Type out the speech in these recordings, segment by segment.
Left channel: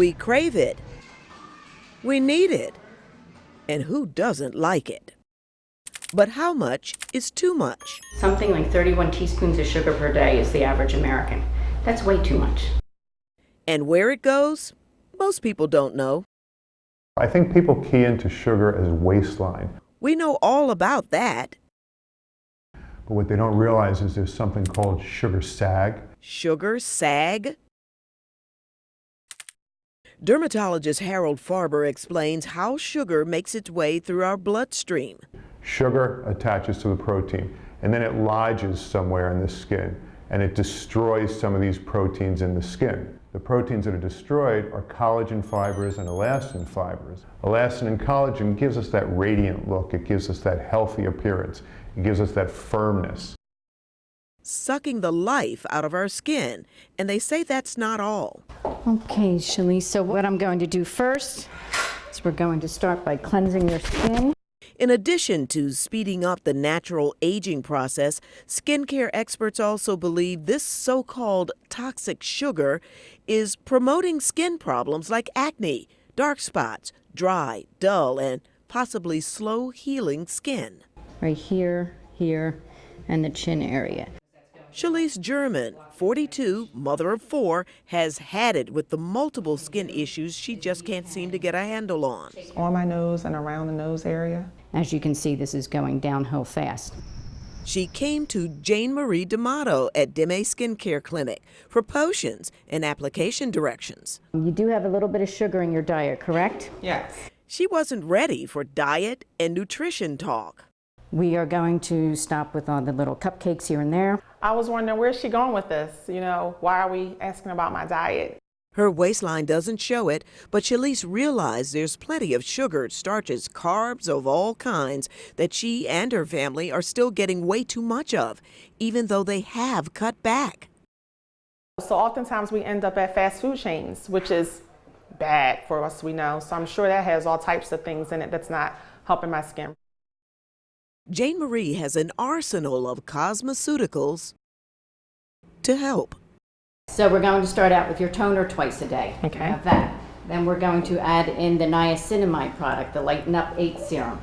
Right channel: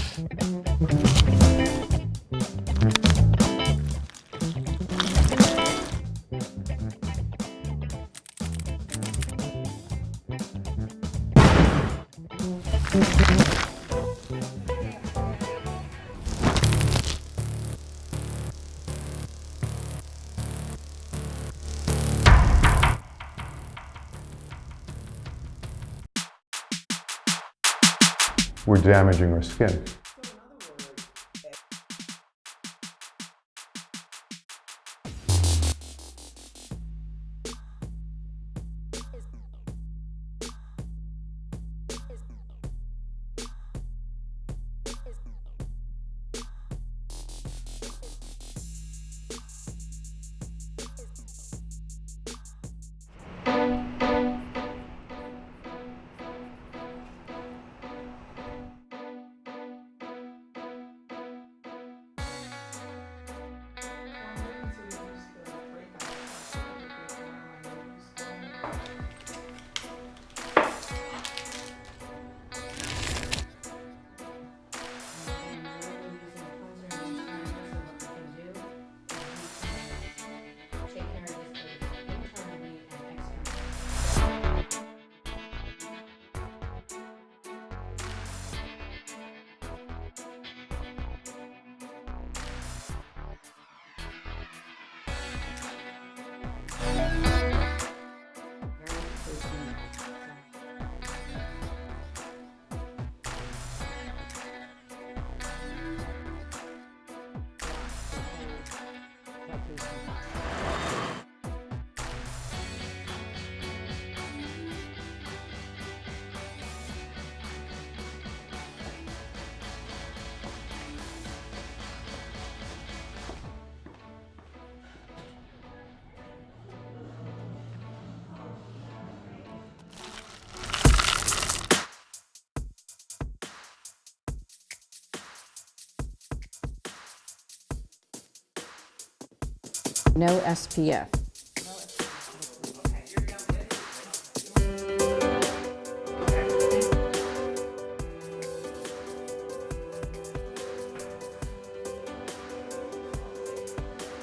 We crave it. We need it. And who doesn't like it? But how much is too much? Something like 31 teaspoons of sugar per day is the average American. That's way too much. And where it goes? Most people don't know. I think people key into sugar as waistline. We know all about that. But what they don't realize is there's something called sugar sag. Sugar sag? We're damaging our skin. Dermatologist Harold Farber explains how sugar makes its way through our bloodstream. Sugar attaches to the protein, and then it lodges somewhere in the skin, and it destroys some of these proteins in the skin. The proteins that are destroyed are collagen fibers and elastin fibers. Elastin and collagen gives us that radiant look. It gives us that healthy appearance. It gives us that firmness. Sucking the life out of our skin. And they say that's not all. Okay, Shalise, so what I'm going to do first is we're going to start by cleansing your skin. In addition to speeding up the natural aging process, skincare experts also believe this so-called toxic sugar is promoting skin problems like acne, dark spots, dry, dull, and possibly slow-healing skin. Right here, here, and the chin area. Shalise German, 42, mother of 4, has had it with the multiple skin issues she just can't seem to get a handle on. On my nose and around the nose area. As you can see, this is going downhill fast. She came to Jane Marie D'Amato at Deme Skincare Clinic for potions and application directions. You do have a little bit of sugar in your diet, correct? Yes. She wasn't ready for diet and nutrition talk. We are going to stop with all the little cupcakes here and there. I was wondering, where's she going with this? You know, why are we asking about my diet? Her waistline doesn't show it, but Shalise realized there's plenty of sugar, starches, carbs of all kinds that she and her family are still getting way too much of, even though they have cut back. So oftentimes we end up at fast food chains, which is bad for us, we know. So I'm sure that has all types of things in it that's not helping my skin. No SPF. Jane Marie has an arsenal of cosmeceuticals to help. So we're going to start out with your toner twice a day. Okay. Have that. Then we're going to add in the niacinamide product, the Lighten Up 8 serum.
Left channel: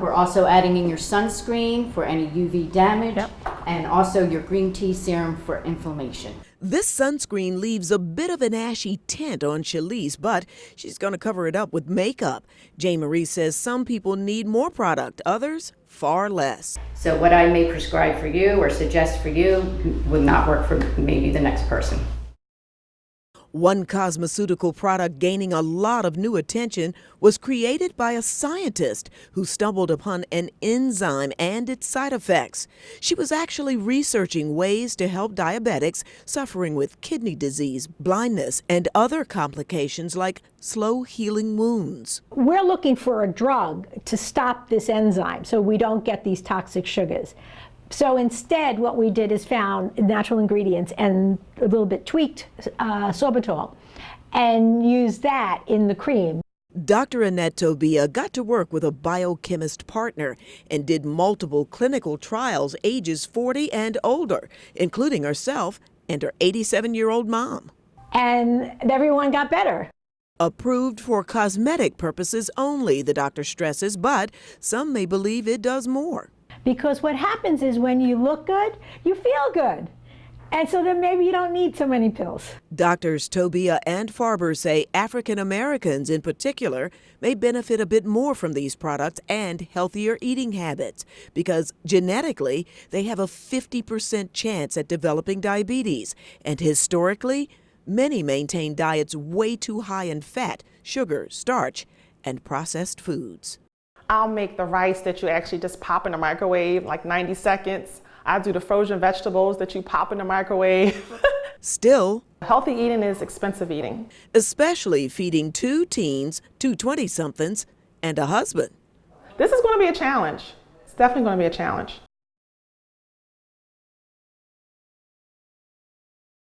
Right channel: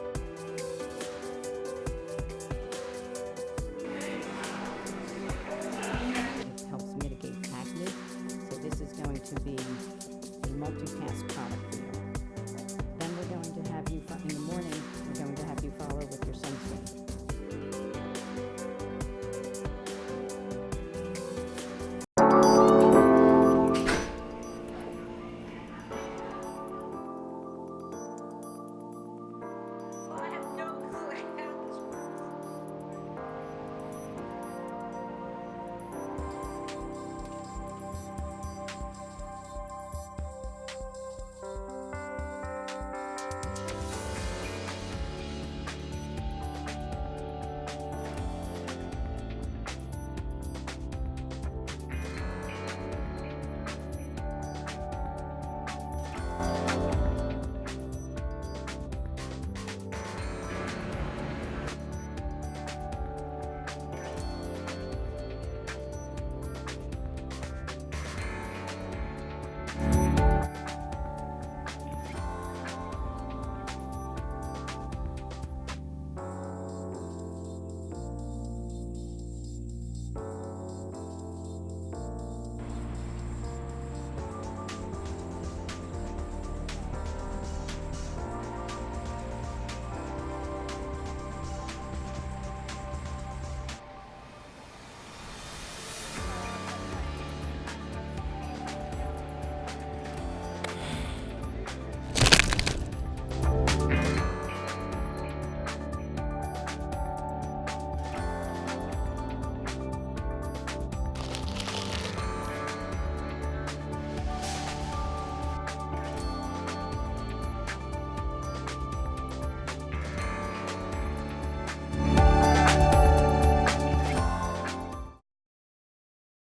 We're also adding in your sunscreen for any UV damage, and also your green tea serum for inflammation. This sunscreen leaves a bit of an ashy tint on Shalise, but she's going to cover it up with makeup. Jane Marie says some people need more product, others far less. So what I may prescribe for you or suggest for you would not work for maybe the next person. One cosmeceutical product gaining a lot of new attention was created by a scientist who stumbled upon an enzyme and its side effects. She was actually researching ways to help diabetics suffering with kidney disease, blindness, and other complications like slow healing wounds. We're looking for a drug to stop this enzyme so we don't get these toxic sugars. So instead, what we did is found natural ingredients and a little bit tweaked sorbitol and used that in the cream. Dr. Annette Tobia got to work with a biochemist partner and did multiple clinical trials ages 40 and older, including herself and her 87-year-old mom. And everyone got better. Approved for cosmetic purposes only, the doctor stresses, but some may believe it does more. Because what happens is when you look good, you feel good. And so then maybe you don't need so many pills. Doctors Tobia and Farber say African Americans in particular may benefit a bit more from these products and healthier eating habits because genetically they have a 50% chance at developing diabetes. And historically, many maintain diets way too high in fat, sugar, starch, and processed foods. I'll make the rice that you actually just pop in the microwave, like 90 seconds. I do the frozen vegetables that you pop in the microwave. Still, healthy eating is expensive eating. Especially feeding 2 teens, 2 20-somethings, and a husband. This is going to be a challenge. It's definitely going to be a challenge.